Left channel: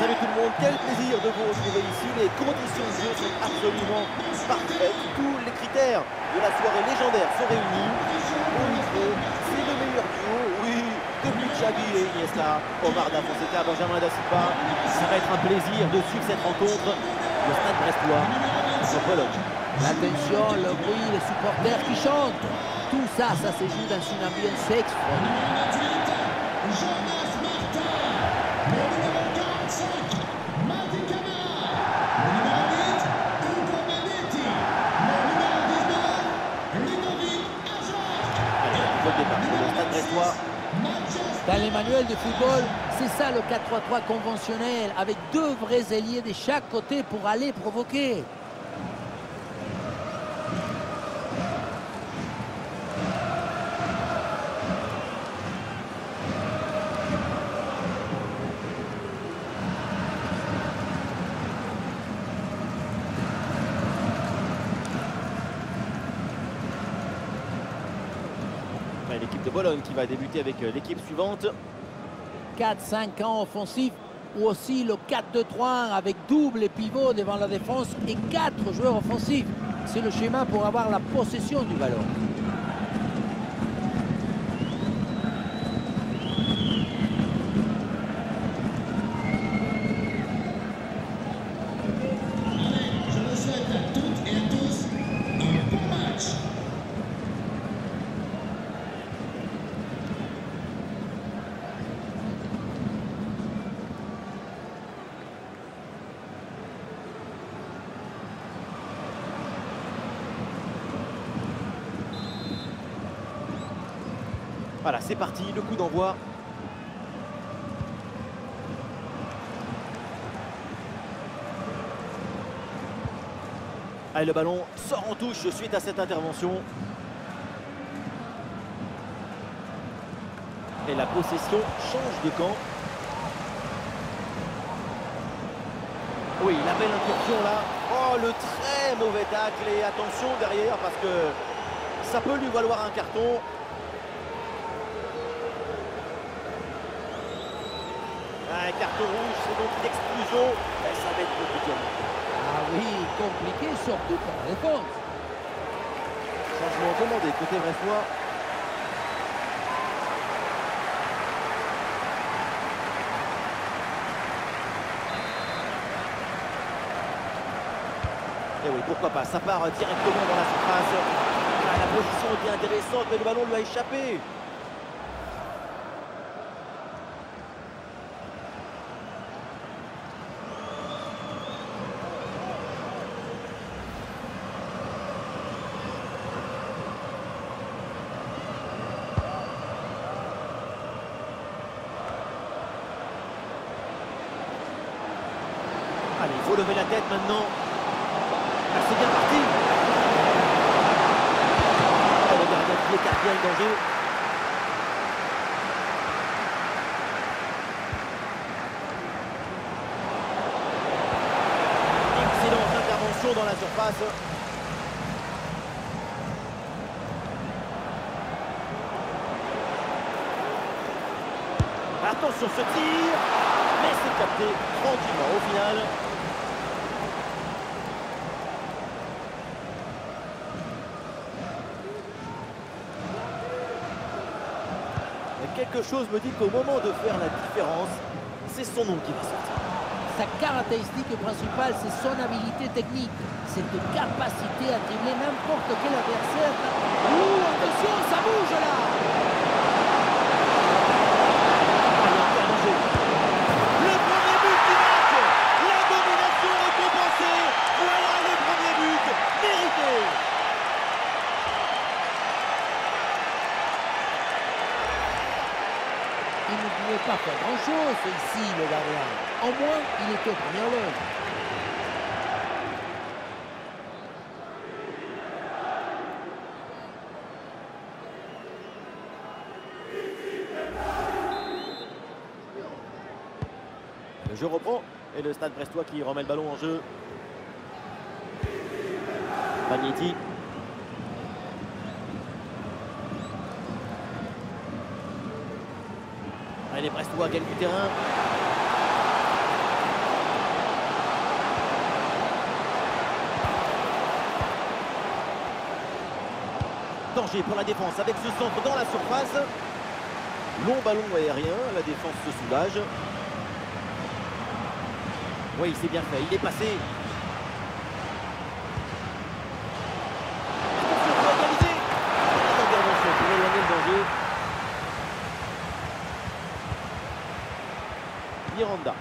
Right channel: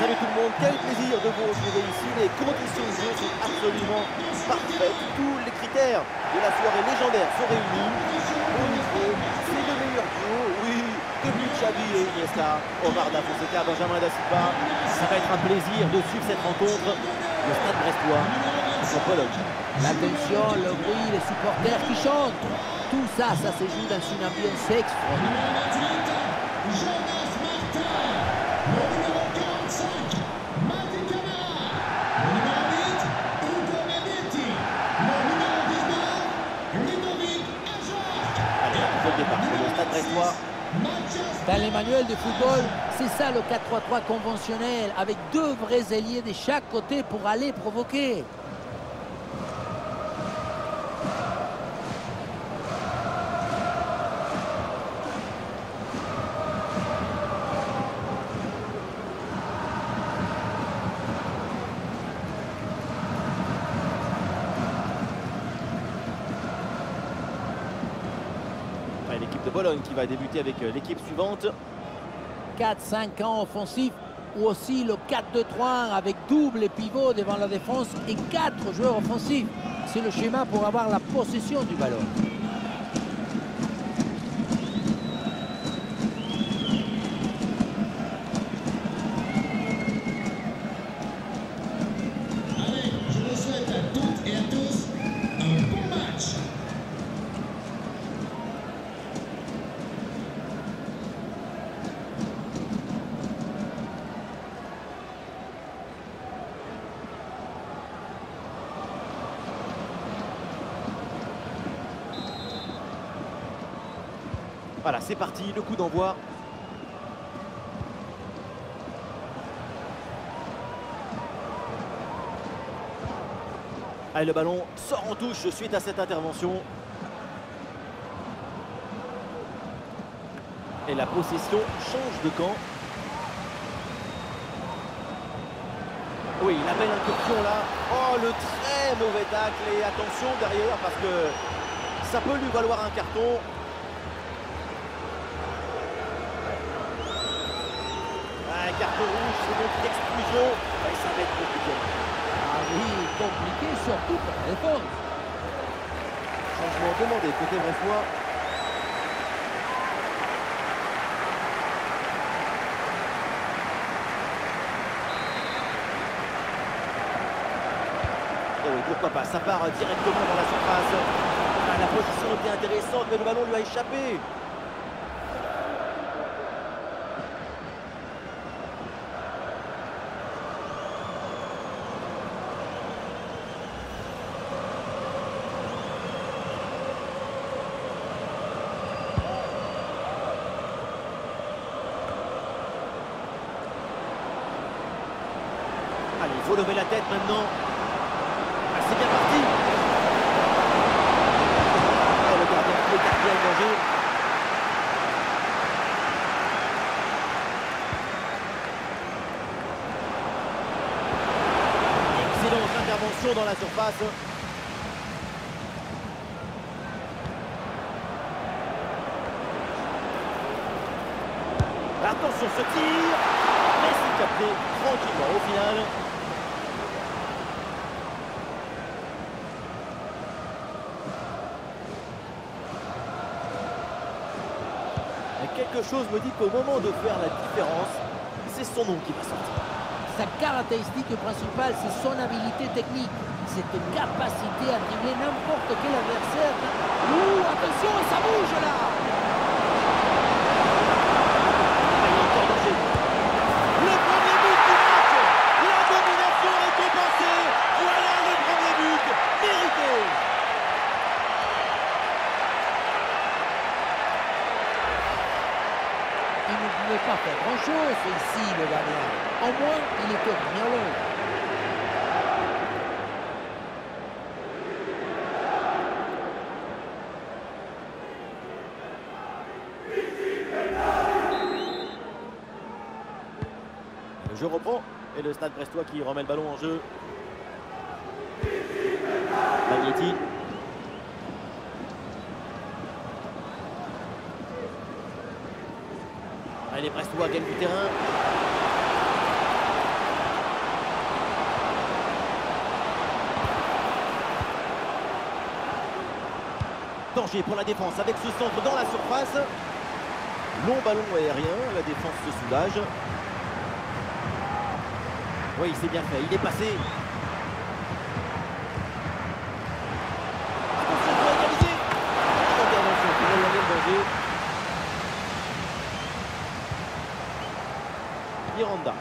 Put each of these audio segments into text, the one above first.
Salut tout le monde, quel plaisir de vous retrouver ici. Les conditions de jeu sont absolument parfaites. Tous les critères de la soirée légendaire sont réunis. Au niveau, c'est le meilleur duo, oui, depuis Xavi et Iniesta, Omar Da Fonseca, Benjamin Da Silva. Ça va être un plaisir de suivre cette rencontre. Le Stade Brestois contre Bologne. L'attention, le bruit, les supporters qui chantent. Tout ça, ça se joue dans une ambiance extraordinaire. Allez, le départ pour le Stade Brestois. Dans les manuels de football, c'est ça le 4-3-3 conventionnel, avec deux vrais ailiers de chaque côté pour aller provoquer. L'équipe de Bologne qui va débuter avec l'équipe suivante. 4-5 ans offensifs ou aussi le 4-2-3 avec double pivot devant la défense et 4 joueurs offensifs. C'est le schéma pour avoir la possession du ballon. Allez, je vous souhaite à toutes et à tous un bon match. Voilà, c'est parti, le coup d'envoi. Allez, le ballon sort en touche suite à cette intervention. Et la possession change de camp. Oui, la belle incursion là. Oh, le très mauvais tacle. Et attention derrière parce que ça peut lui valoir un carton. Un carton rouge, c'est donc l'exclusion. Et ça va être compliqué. Ah oui, compliqué surtout pour la défense. Changement demandé côté brestois. Et oui, pourquoi pas, ça part directement dans la surface. Ah, la position était intéressante, mais le ballon lui a échappé. Allez, il faut lever la tête maintenant. Ah, c'est bien parti. Et le gardien qui écarte bien le danger. Excellente intervention dans la surface. Attention ce tir. Mais c'est capté tranquillement au final. Quelque chose me dit qu'au moment de faire la différence, c'est son nom qui va sortir. Sa caractéristique principale, c'est son habilité technique. Cette capacité à dribbler n'importe quel adversaire. Ouh, attention, ça bouge là! Ah, il y a encore danger. Le premier but du match. La domination récompensée. Voilà le premier but mérité. Il ne pouvait pas faire grand-chose ici, le gardien. Au moins, il était au premier loge. Le jeu reprend et le Stade Brestois qui remet le ballon en jeu. Magnetti. Allez, les Brestois gagnent du terrain. danger pour la défense avec ce centre dans la surface. Long ballon aérien, la défense se soulage. Oui, c'est bien fait, il est passé. Attention pour égaliser. Une intervention pour éloigner le danger. Miranda.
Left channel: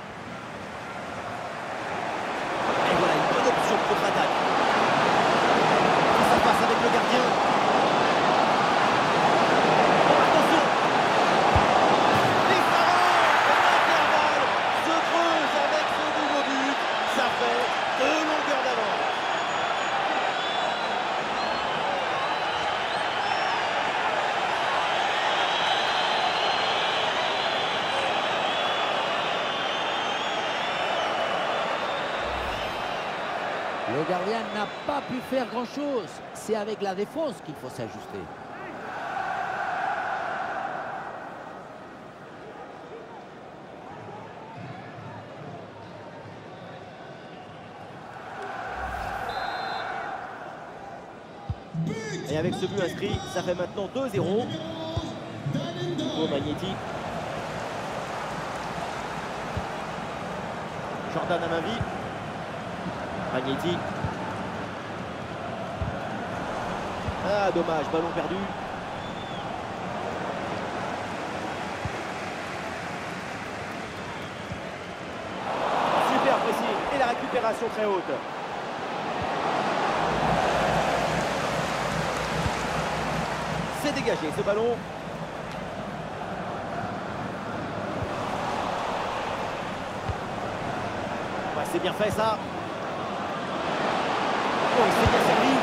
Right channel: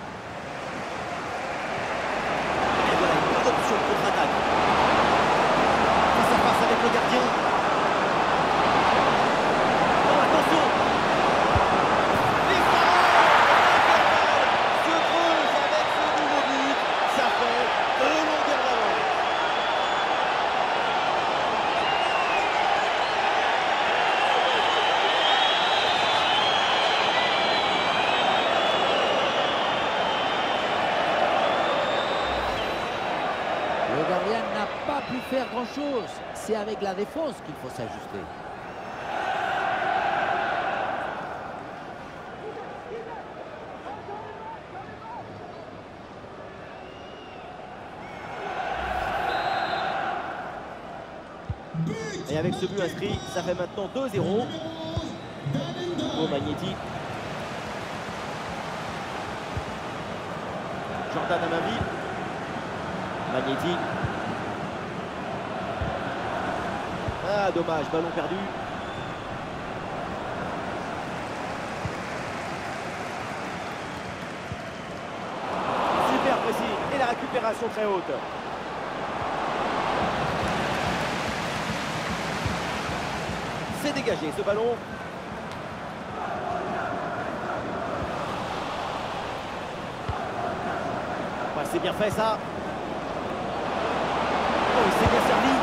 Et voilà une bonne option de contre-attaque. Face à face avec le gardien. Oh, attention. Les Sarons, l'intervalle se creuse avec ce nouveau but. Ça fait 2 longueurs d'avance. Le gardien n'a pas pu faire grand-chose. C'est avec la défense qu'il faut s'ajuster. Et avec ce but inscrit, ça fait maintenant 2-0. Au Magnetti. Jordan Amavi. Magnetti. Ah, dommage, ballon perdu. Super précis. Et la récupération très haute. C'est dégagé ce ballon. Ouais, c'est bien fait ça. Oh, il s'est bien servi.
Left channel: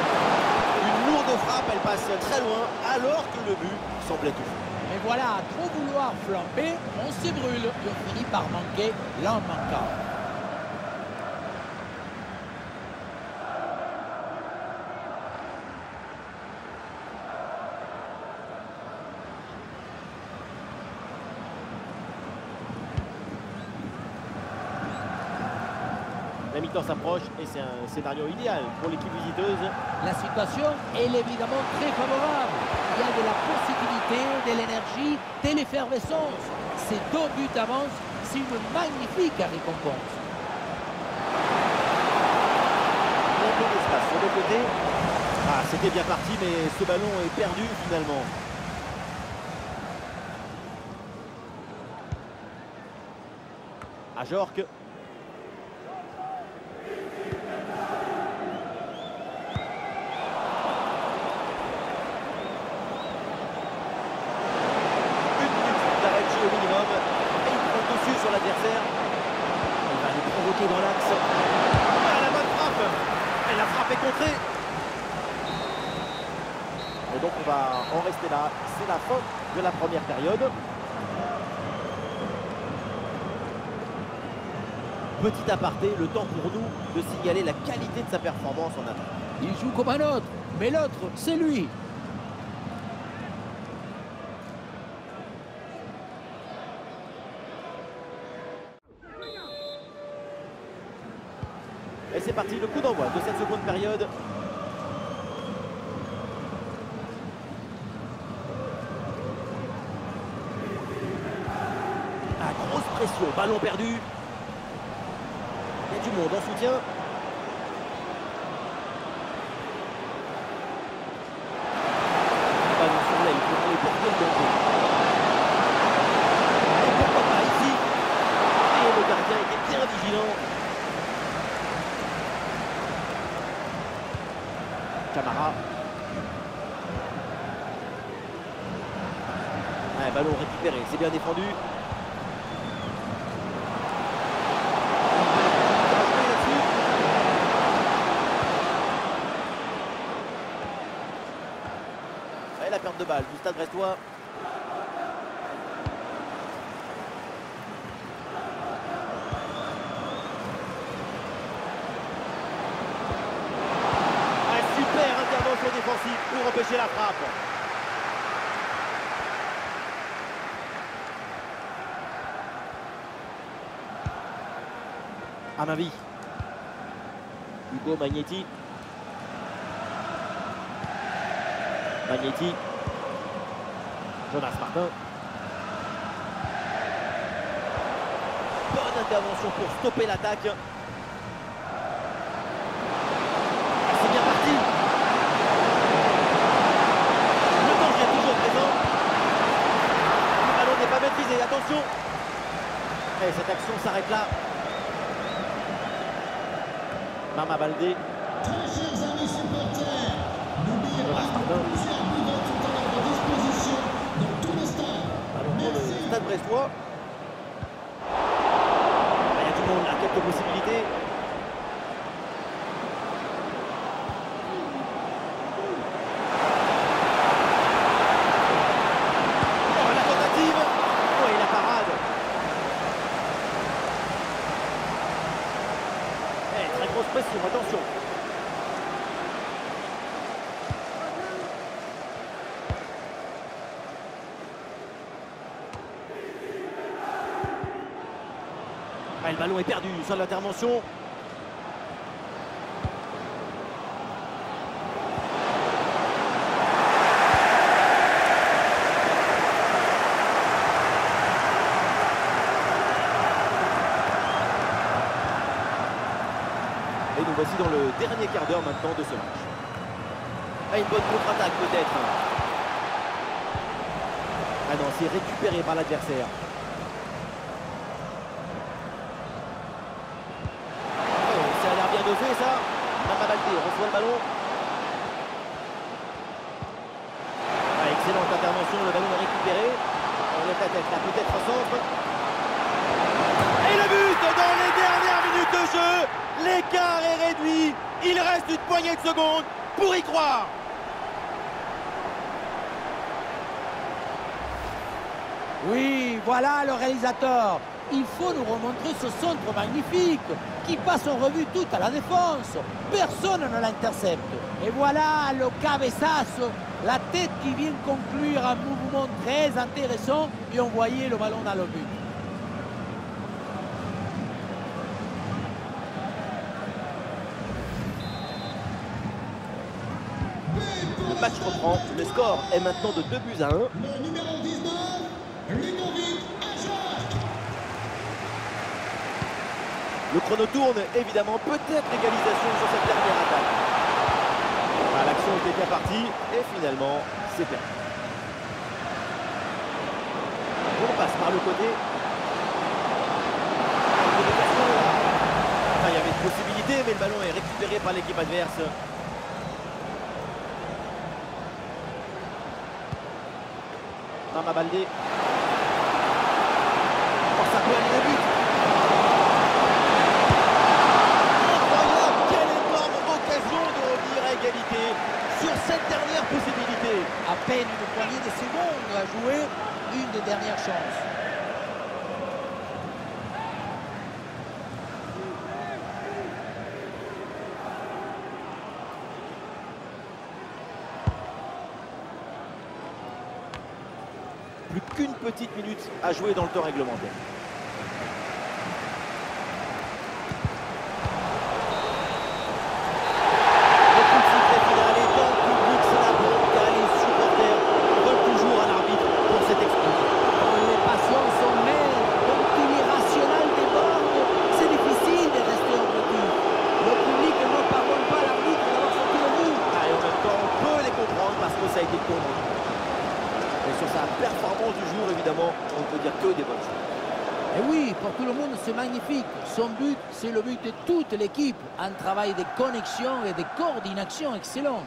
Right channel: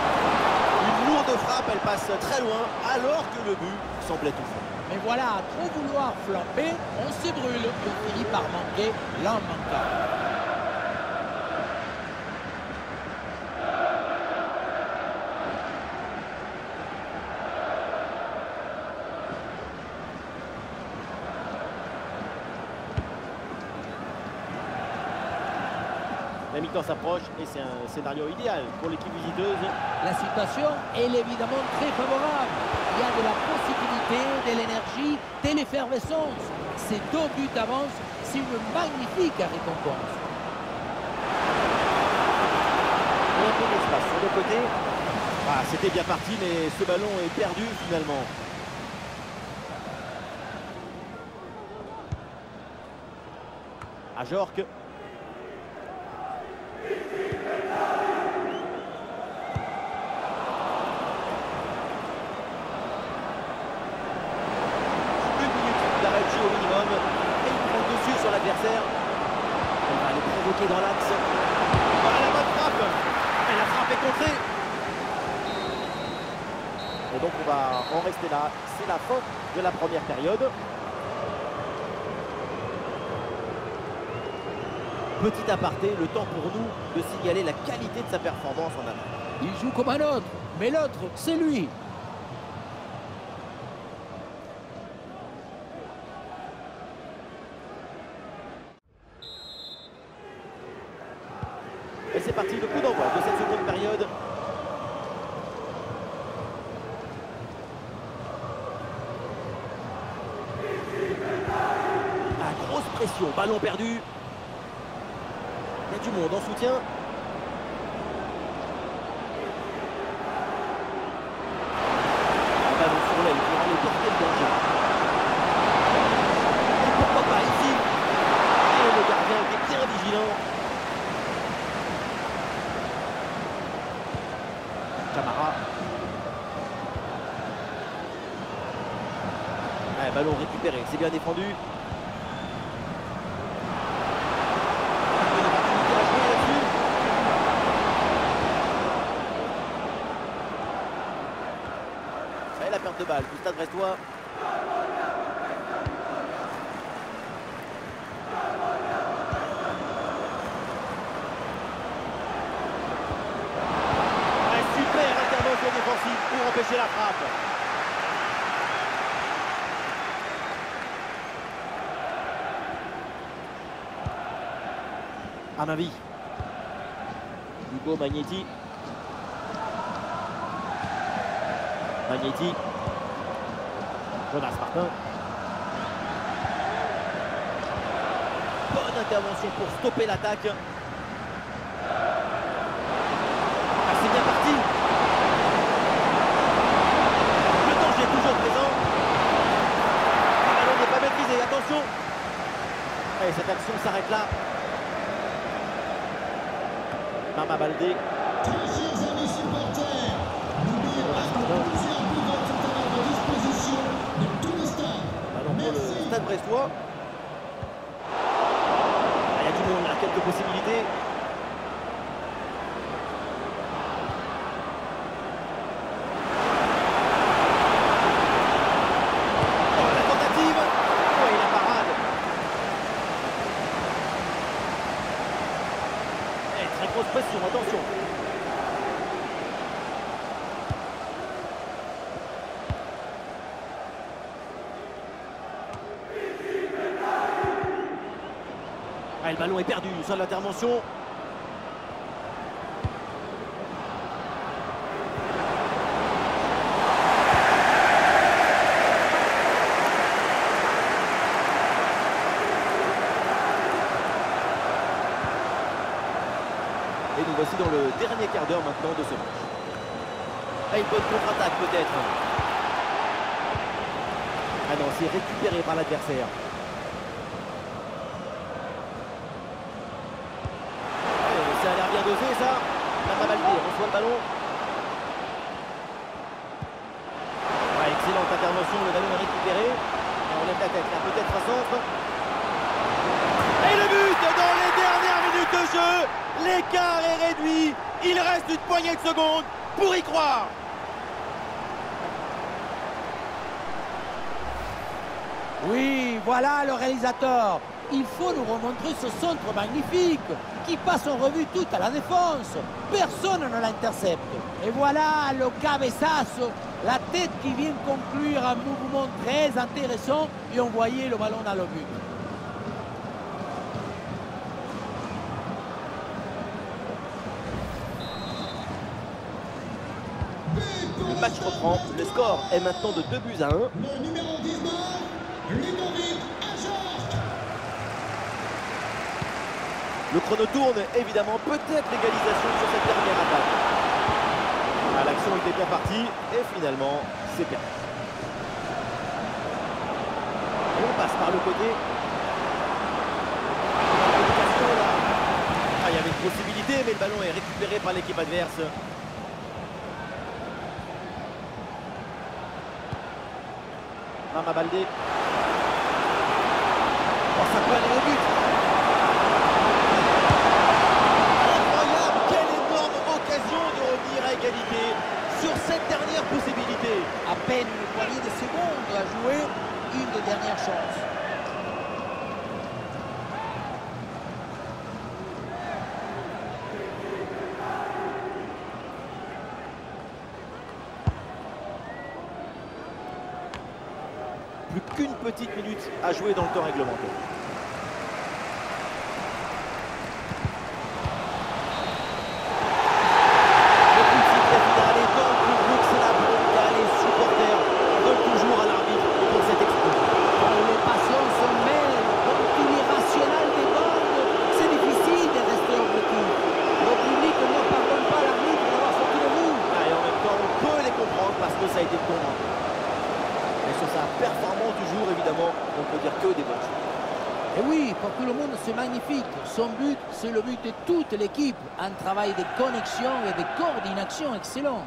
Une lourde frappe, elle passe très loin, alors que le but semblait tout faux. Mais voilà, à trop vouloir flamber, on se brûle et on finit par manquer l'en manquant. La mi-temps s'approche et c'est un scénario idéal pour l'équipe visiteuse. La situation est évidemment très favorable. Il y a de la possibilité, de l'énergie, de l'effervescence. Ces 2 buts d'avance, c'est une magnifique récompense. Il y a un peu d'espace sur le côté. Ah, c'était bien parti, mais ce ballon est perdu finalement. À Jorque. D'arrêt de jeu au minimum et il prend le dessus sur l'adversaire. Il va aller provoquer dans l'axe. Ah, la bonne frappe. Et la frappe est contrée. Et donc on va en rester là. C'est la fin de la première période. Petit aparté, le temps pour nous de signaler la qualité de sa performance en attaque. Il joue comme un autre, mais l'autre, c'est lui. Et c'est parti, le coup d'envoi de cette seconde période. Ah, grosse pression, ballon perdu. Il y a du monde en soutien. Un ballon sur l'aile pour aller porter le danger. Et pourquoi pas ici. Et le gardien était bien vigilant. Camara. Ouais, ballon récupéré, c'est bien défendu. Une bonne opportunité à jouer là-dessus. Et la perte de balle du Stade Brestois. Super intervention défensive pour empêcher la frappe. Amavi. Hugo Magnetti. Magnetti. Jonas Martin. Bonne intervention pour stopper l'attaque. Ah, c'est bien parti. Le danger est toujours présent. Le ballon n'est pas maîtrisé, attention. Et cette action s'arrête là. Mama Baldé. Très chers amis supporters, n'oubliez pas que plusieurs buveurs sont à votre disposition dans tout le stade. Ballon pour le Stade Brestois. Il y a du monde là, quelques possibilités. Oh, la tentative. Oui, la parade. Eh, très grosse pression, attention. Ah, le ballon est perdu, sans l'intervention. Et nous voici dans le dernier quart d'heure maintenant de ce match. Ah, une bonne contre-attaque peut-être. Ah non, c'est récupéré par l'adversaire. Ça a l'air bien dosé ça. Mama Baldé reçoit le ballon. Ouais, excellente intervention, le ballon est récupéré. Et on lève la tête là, peut-être un centre. Et le but dans les dernières minutes de jeu. L'écart est réduit. Il reste une poignée de secondes pour y croire. Oui, voilà le réalisateur. Il faut nous remontrer ce centre magnifique qui passe en revue toute à la défense. Personne ne l'intercepte. Et voilà le cabeçazo, la tête qui vient conclure un mouvement très intéressant et envoyer le ballon dans le but. Le match reprend. Le score est maintenant de 2-1. Le numéro 19, Ludovic Ajorc. Le chrono tourne, évidemment, peut-être l'égalisation sur cette dernière attaque. Ah, l'action était bien partie et finalement, c'est perdu. On passe par le côté. Communication là. Ah, il y avait une possibilité, mais le ballon est récupéré par l'équipe adverse. Mama Baldé. Oh, ça peut aller au but. Incroyable, quelle énorme occasion de revenir à égalité sur cette dernière possibilité. À peine une poignée de secondes à jouer, une des dernières chances. Plus qu'une petite minute à jouer dans le temps réglementaire. Le coup de sifflet final est dans le public, c'est la bronca, les supporters veulent toujours à l'arbitre pour cette explosion. Quand les passions sont mêlées, quand tout l'irrationnel déborde, c'est difficile de rester objectif. Le public ne pardonne pas à l'arbitre d'avoir sorti le bout. Ah, et en même temps, on peut les comprendre parce que ça a été tourmenté. Et sur sa performance du jour, évidemment, on ne peut dire que des bonnes choses. Et oui, pour tout le monde, c'est magnifique. Son but, c'est le but de toute l'équipe. Un travail de connexion et de coordination excellent.